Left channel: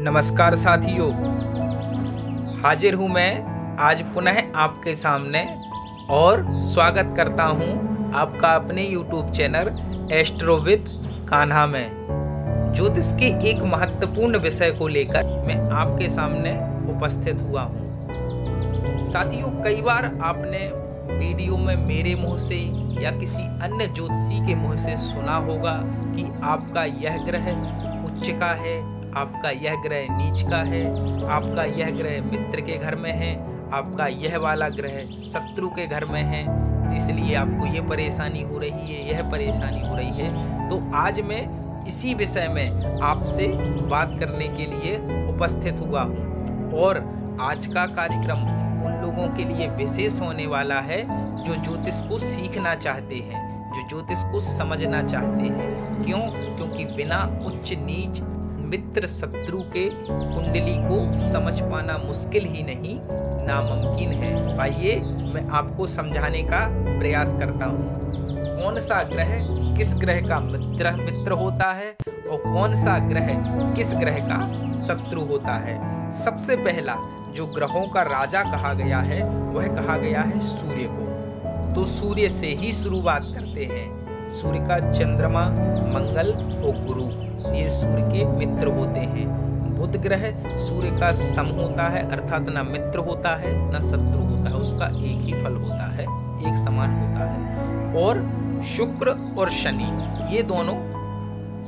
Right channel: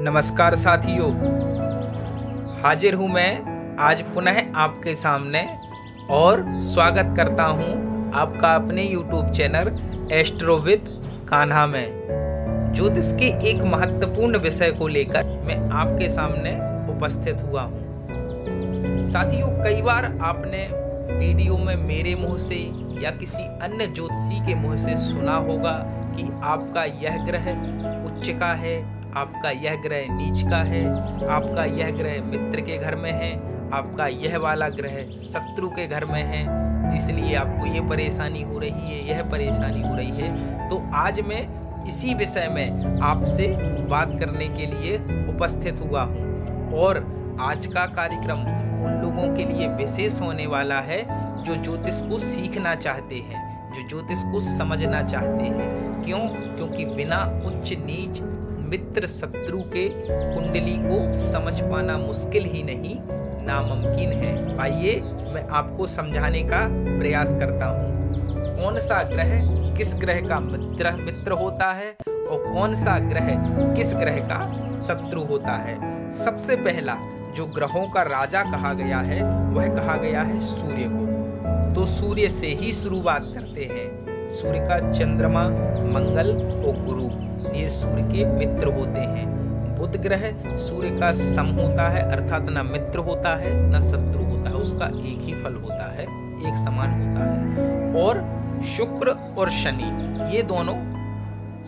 नमस्कार साथियों, हाजिर हूँ मैं आज पुनः आपके सामने और स्वागत करता हूँ आपका अपने YouTube channel astro with Kanha में। ज्योतिष के एक महत्वपूर्ण विषय को लेकर मैं आपके सामने उपस्थित हुआ हूँ। साथियों, कई बार आपने वीडियो में मेरे मुंह से या किसी अन्य ज्योतिषी के मुंह से सुना होगा कि आपका यह ग्रह उच्च का है, आपका यह ग्रह नीच का है, आपका यह ग्रह मित्र के घर में है, आपका यह वाला ग्रह शत्रु के घर में है, इसलिए आपको ये परेशानी हो रही है, यह परेशानी हो रही है। तो आज मैं इसी विषय में आपसे बात करने के लिए उपस्थित हुआ हूँ और आज का कार्यक्रम उन लोगों के लिए विशेष होने वाला है जो ज्योतिष को सीखना चाहते हैं, जो ज्योतिष को समझना चाहते हैं। क्यों? क्योंकि बिना उच्च नीच मित्र शत्रु के कुंडली को समझ पाना मुश्किल ही नहीं नामुमकिन है। आइए मैं आपको समझाने का प्रयास करता हूँ। कौन सा ग्रह किस ग्रह का मित्र होता है और कौन सा ग्रह किस ग्रह का शत्रु होता है। सबसे पहला जो ग्रहों का राजा कहा गया है वह कहा गया है सूर्य को। तो सूर्य से ही शुरुआत करते हैं। सूर्य का चंद्रमा, मंगल और गुरु ये सूर्य के मित्र होते हैं। बुध ग्रह सूर्य का सम होता है, अर्थात न मित्र होता है न शत्रु होता है, उसका एक ही फल होता है, एक समान होता है। और शुक्र और शनि ये दोनों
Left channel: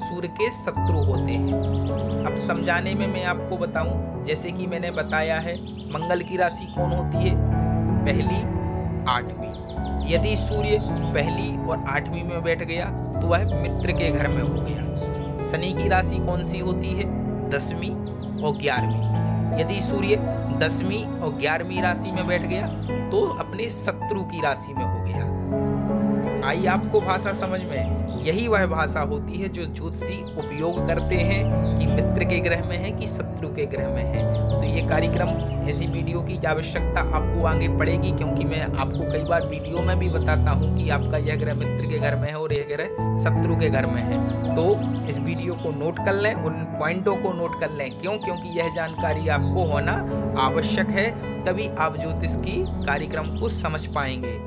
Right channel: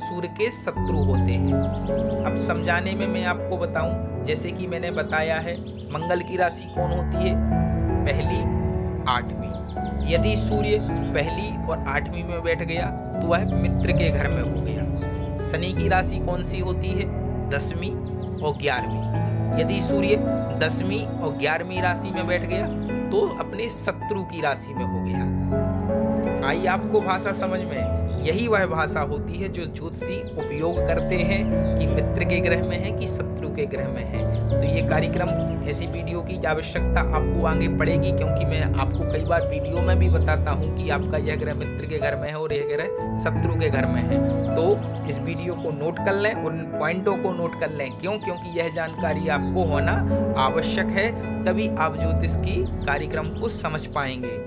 सूर्य के शत्रु होते हैं। अब समझाने में मैं आपको बताऊं, जैसे कि मैंने बताया है मंगल की राशि कौन होती है? पहली, आठवीं। यदि सूर्य पहली और आठवीं में बैठ गया तो वह मित्र के घर में हो गया। शनि की राशि कौन सी होती है? 10वीं और 11वीं। यदि सूर्य 10वीं और 11वीं राशि में बैठ गया तो अपने शत्रु की राशि में हो गया। आई आपको भाषा समझ में? यही वह भाषा होती है जो ज्योतिषी उपयोग करते हैं कि मित्र के ग्रह में है कि शत्रु के ग्रह में है। तो ये कार्यक्रम, ऐसी वीडियो की आवश्यकता आपको आगे पड़ेगी, क्योंकि मैं आपको कई बार वीडियो में भी बताता हूँ कि आपका यह ग्रह मित्र के घर में है और यह ग्रह शत्रु के घर में है। तो इस वीडियो को नोट कर लें, उन पॉइंटों को नोट कर लें। क्यों? क्योंकि यह जानकारी आपको होना आवश्यक है, तभी आप ज्योतिष की कार्यक्रम को समझ पाएंगे।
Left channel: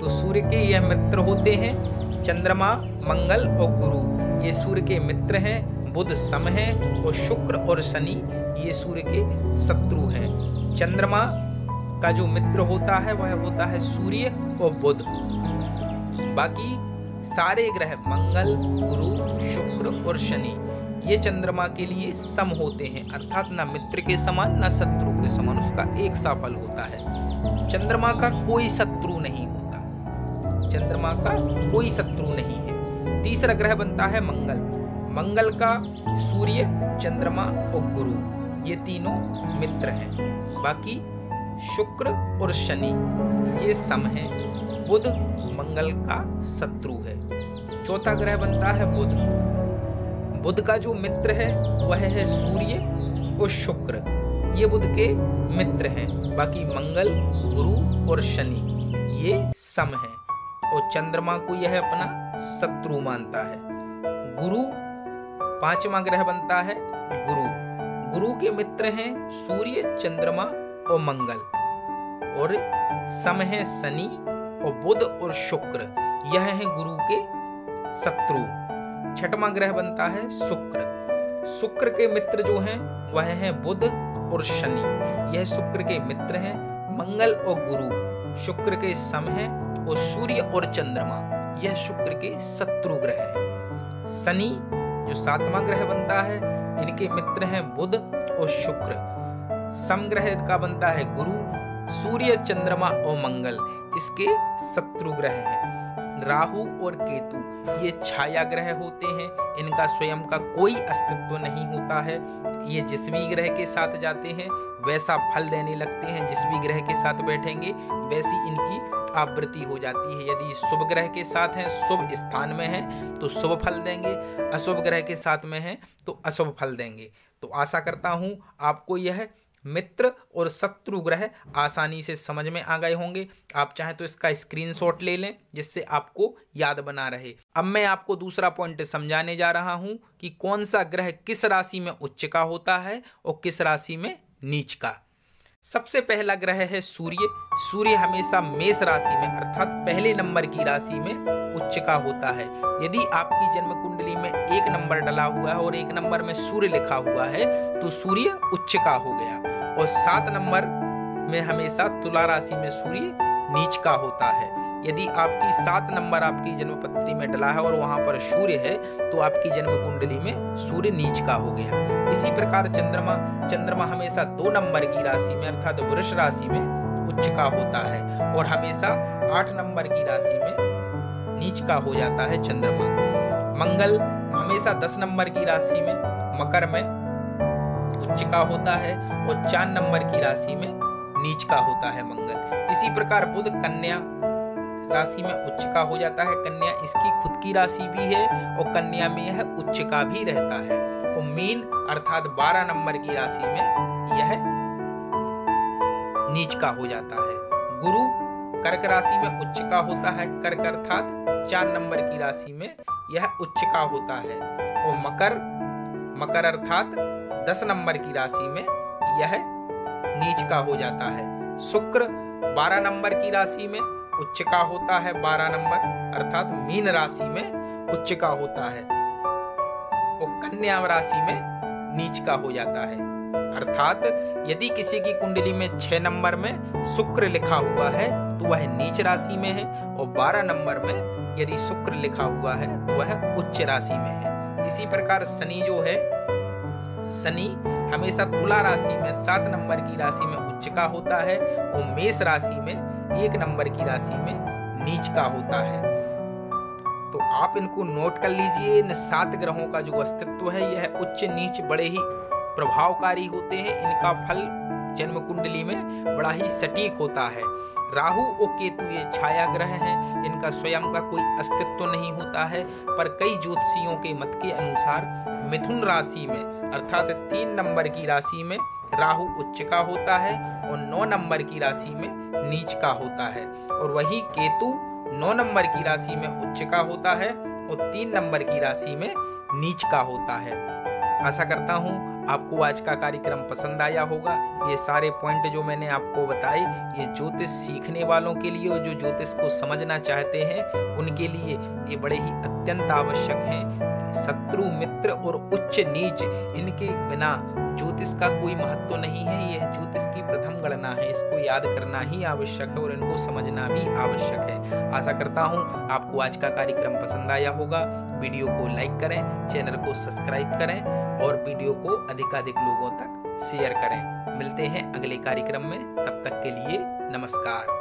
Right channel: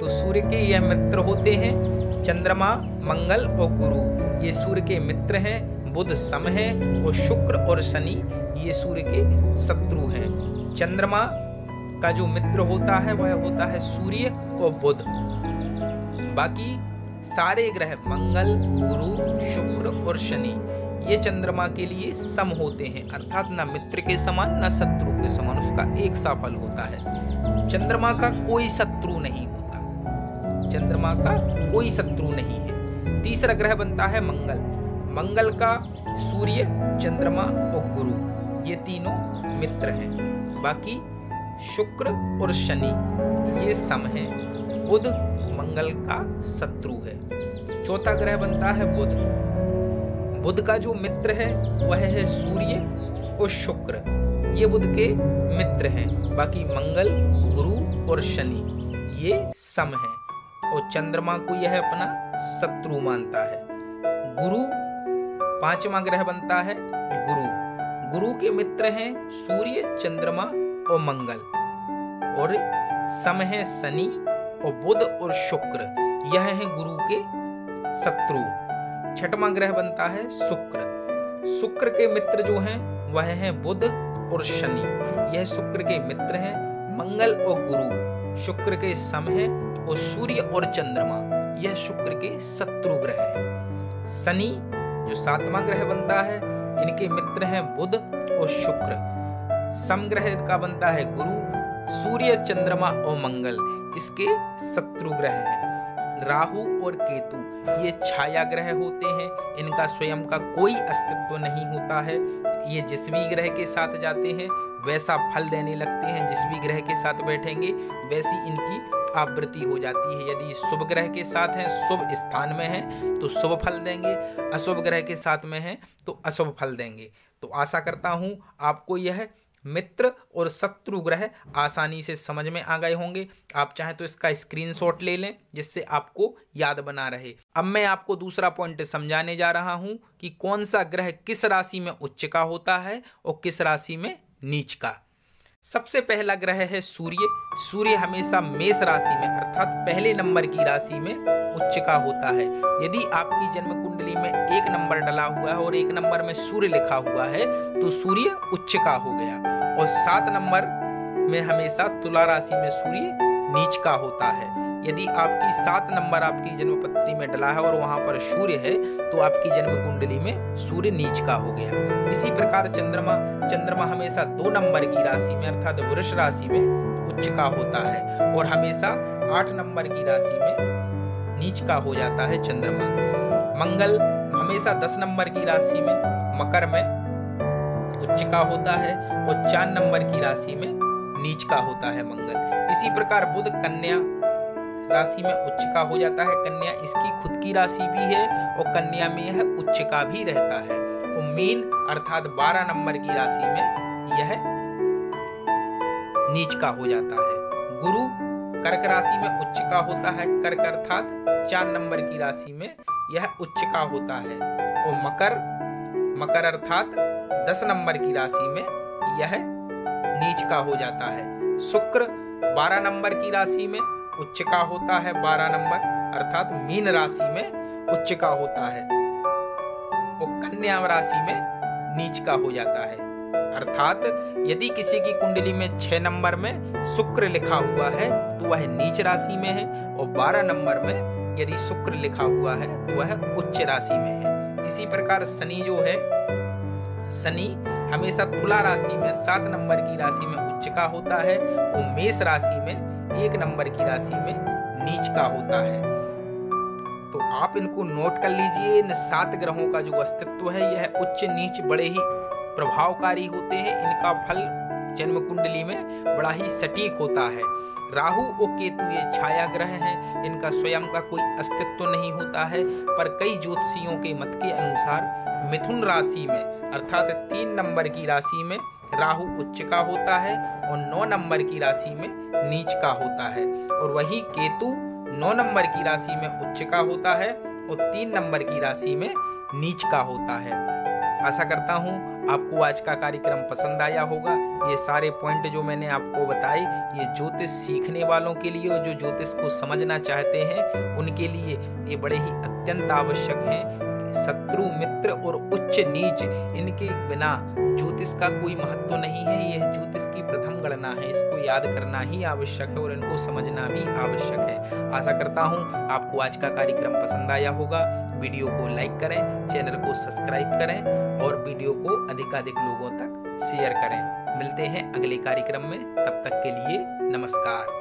तो सूर्य के यह मित्र होते हैं चंद्रमा, मंगल और गुरु, ये सूर्य के मित्र हैं। बुध सम है और शुक्र और शनि ये सूर्य के शत्रु हैं। चंद्रमा का जो मित्र होता है वह होता है सूर्य और बुध। बाकी सारे ग्रह मंगल, गुरु, शुक्र और शनि ये चंद्रमा के लिए सम होते हैं, अर्थात न मित्र के समान न शत्रु के समान, उसका एक सा फल होता है। चंद्रमा का कोई शत्रु नहीं होता, चंद्रमा का कोई शत्रु नहीं है। तीसरा ग्रह बनता है मंगल। मंगल का सूर्य, चंद्रमा और गुरु ये तीनों मित्र हैं। बाकी शुक्र और शनि ये सम हैं। बुध मंगल का शत्रु है। चौथा ग्रह बनता है बुध। बुध का जो मित्र है वह है सूर्य और शुक्र, ये बुध के मित्र हैं। बाकी मंगल, गुरु और शनि ये सम हैं और चंद्रमा को यह अपना शत्रु मानता है। गुरु पांचवा ग्रह बनता है गुरु। गुरु के मित्र हैं सूर्य, चंद्रमा और मंगल और सम है शनि और बुध और शुक्र, यह है गुरु के शत्रु। छठवां ग्रह बनता है शुक्र। शुक्र के मित्र जो हैं वह हैं बुध और शनि, यह शुक्र के मित्र हैं। मंगल और गुरु शुक्र के सम हैं और सूर्य और चंद्रमा यह शुक्र के शत्रु ग्रह हैं। शनि जो सातवां ग्रह बनता है, इनके मित्र हैं बुध और शुक्र। सम ग्रह का बनता है गुरु, सूर्य, चंद्रमा और मंगल इसके शत्रु ग्रह हैं। राहु और केतु ये छाया ग्रह होते हैं, इनका स्वयं का कोई अस्तित्व नहीं होता है। ये जिस भी ग्रह के साथ जाते हैं वैसा फल देने लगते हैं, जिस भी ग्रह के साथ बैठेंगे वैसी इनकी आवृत्ति हो जाती है। यदि शुभ ग्रह के साथ हैं, शुभ स्थान में हैं तो शुभ फल देंगे, अशुभ ग्रह के साथ में हैं तो अशुभ फल देंगे। तो आशा करता हूँ आपको यह मित्र और शत्रु ग्रह आसानी से समझ में आ गए होंगे। आप चाहें तो इसका स्क्रीनशॉट ले लें जिससे आपको याद बना रहे। अब मैं आपको दूसरा पॉइंट समझाने जा रहा हूं कि कौन सा ग्रह किस राशि में उच्च का होता है और किस राशि में नीच का। सबसे पहला ग्रह है सूर्य। सूर्य हमेशा मेष राशि में अर्थात पहले नंबर की राशि में उच्च का होता है। यदि आपकी जन्म कुंडली में 1 नंबर डला हुआ है और 1 नंबर में सूर्य लिखा हुआ है तो सूर्य उच्च का हो गया। और 7 नंबर में हमेशा तुला राशि में सूर्य नीच का होता है। यदि आपकी 7 नंबर आपकी जन्म पत्री में डला है और वहां पर सूर्य है तो आपकी जन्म कुंडली में सूर्य नीच का हो गया। इसी प्रकार चंद्रमा हमेशा 2 नंबर की राशि में अर्थात वृष राशि में उच्च का होता है और हमेशा 8 नंबर की राशि में नीच का हो जाता है चंद्रमा। मंगल हमेशा 10 नंबर की राशि में मकर में उच्च का होता है और 4 नंबर की राशि में नीच का होता है मंगल। इसी प्रकार बुध कन्या राशि में उच्च का हो जाता है। कन्या इसकी खुद की राशि भी है और कन्या में यह उच्च का भी रहता है। और मीन अर्थात 12 नंबर की राशि में यह नीच का हो जाता है। गुरु कर्क राशि में उच्च का होता है। कर्क अर्थात 4 नंबर की राशि में यह उच्च का होता है। और मकर अर्थात 10 नंबर की राशि में यह नीच का हो जाता है। शुक्र 12 नंबर की राशि में उच्च का होता है। 12 नंबर अर्थात मीन राशि में उच्च का होता है और कन्या राशि में नीच का हो जाता है। अर्थात यदि किसी की कुंडली में 6 नंबर में शुक्र लिखा हुआ है तो वह नीच राशि में है और 12 नंबर में यदि शुक्र लिखा हुआ है तो वह उच्च राशि में है। इसी प्रकार शनि जो है, शनि हमेशा तुला राशि में 7 नंबर की राशि में उच्च का होता है और मेष राशि में 1 नंबर की राशि में नीच का होता है। तो आप इनको नोट कर लीजिए। इन 7 ग्रहों का जो अस्तित्व है यह उच्च नीच बड़े ही प्रभावकारी होते हैं। इनका फल जन्म कुंडली में बड़ा ही सटीक होता है। राहु और केतु ये छाया ग्रह हैं, इनका स्वयं का कोई अस्तित्व नहीं होता है। पर कई ज्योतिषियों के मत के अनुसार मिथुन राशि में अर्थात 3 नंबर की राशि में राहु उच्च का होता है और 9 नंबर की राशि में नीच का होता है। और वही केतु 9 नंबर की राशि में उच्च का होता है और 3 नंबर की राशि में नीच का होता है। आशा करता हूँ आपको आज का कार्यक्रम पसंद आया होगा। ये सारे पॉइंट जो मैंने आपको बताए ये ज्योतिष सीखने वालों के लिए और जो ज्योतिष को समझना चाहते हैं उनके लिए ये बड़े ही अत्यंत आवश्यक हैं। शत्रु मित्र और उच्च नीच इनके बिना ज्योतिष का कोई महत्व नहीं है। यह ज्योतिष की प्रथम गणना है, इसको याद करना ही आवश्यक है और इनको समझना भी आवश्यक है। आशा करता हूँ आपको आज का कार्यक्रम पसंद आया होगा। वीडियो को लाइक करें, चैनल को सब्सक्राइब करें और वीडियो को अधिकाधिक लोगों तक शेयर करें। मिलते हैं अगले कार्यक्रम में, तब तक के लिए नमस्कार।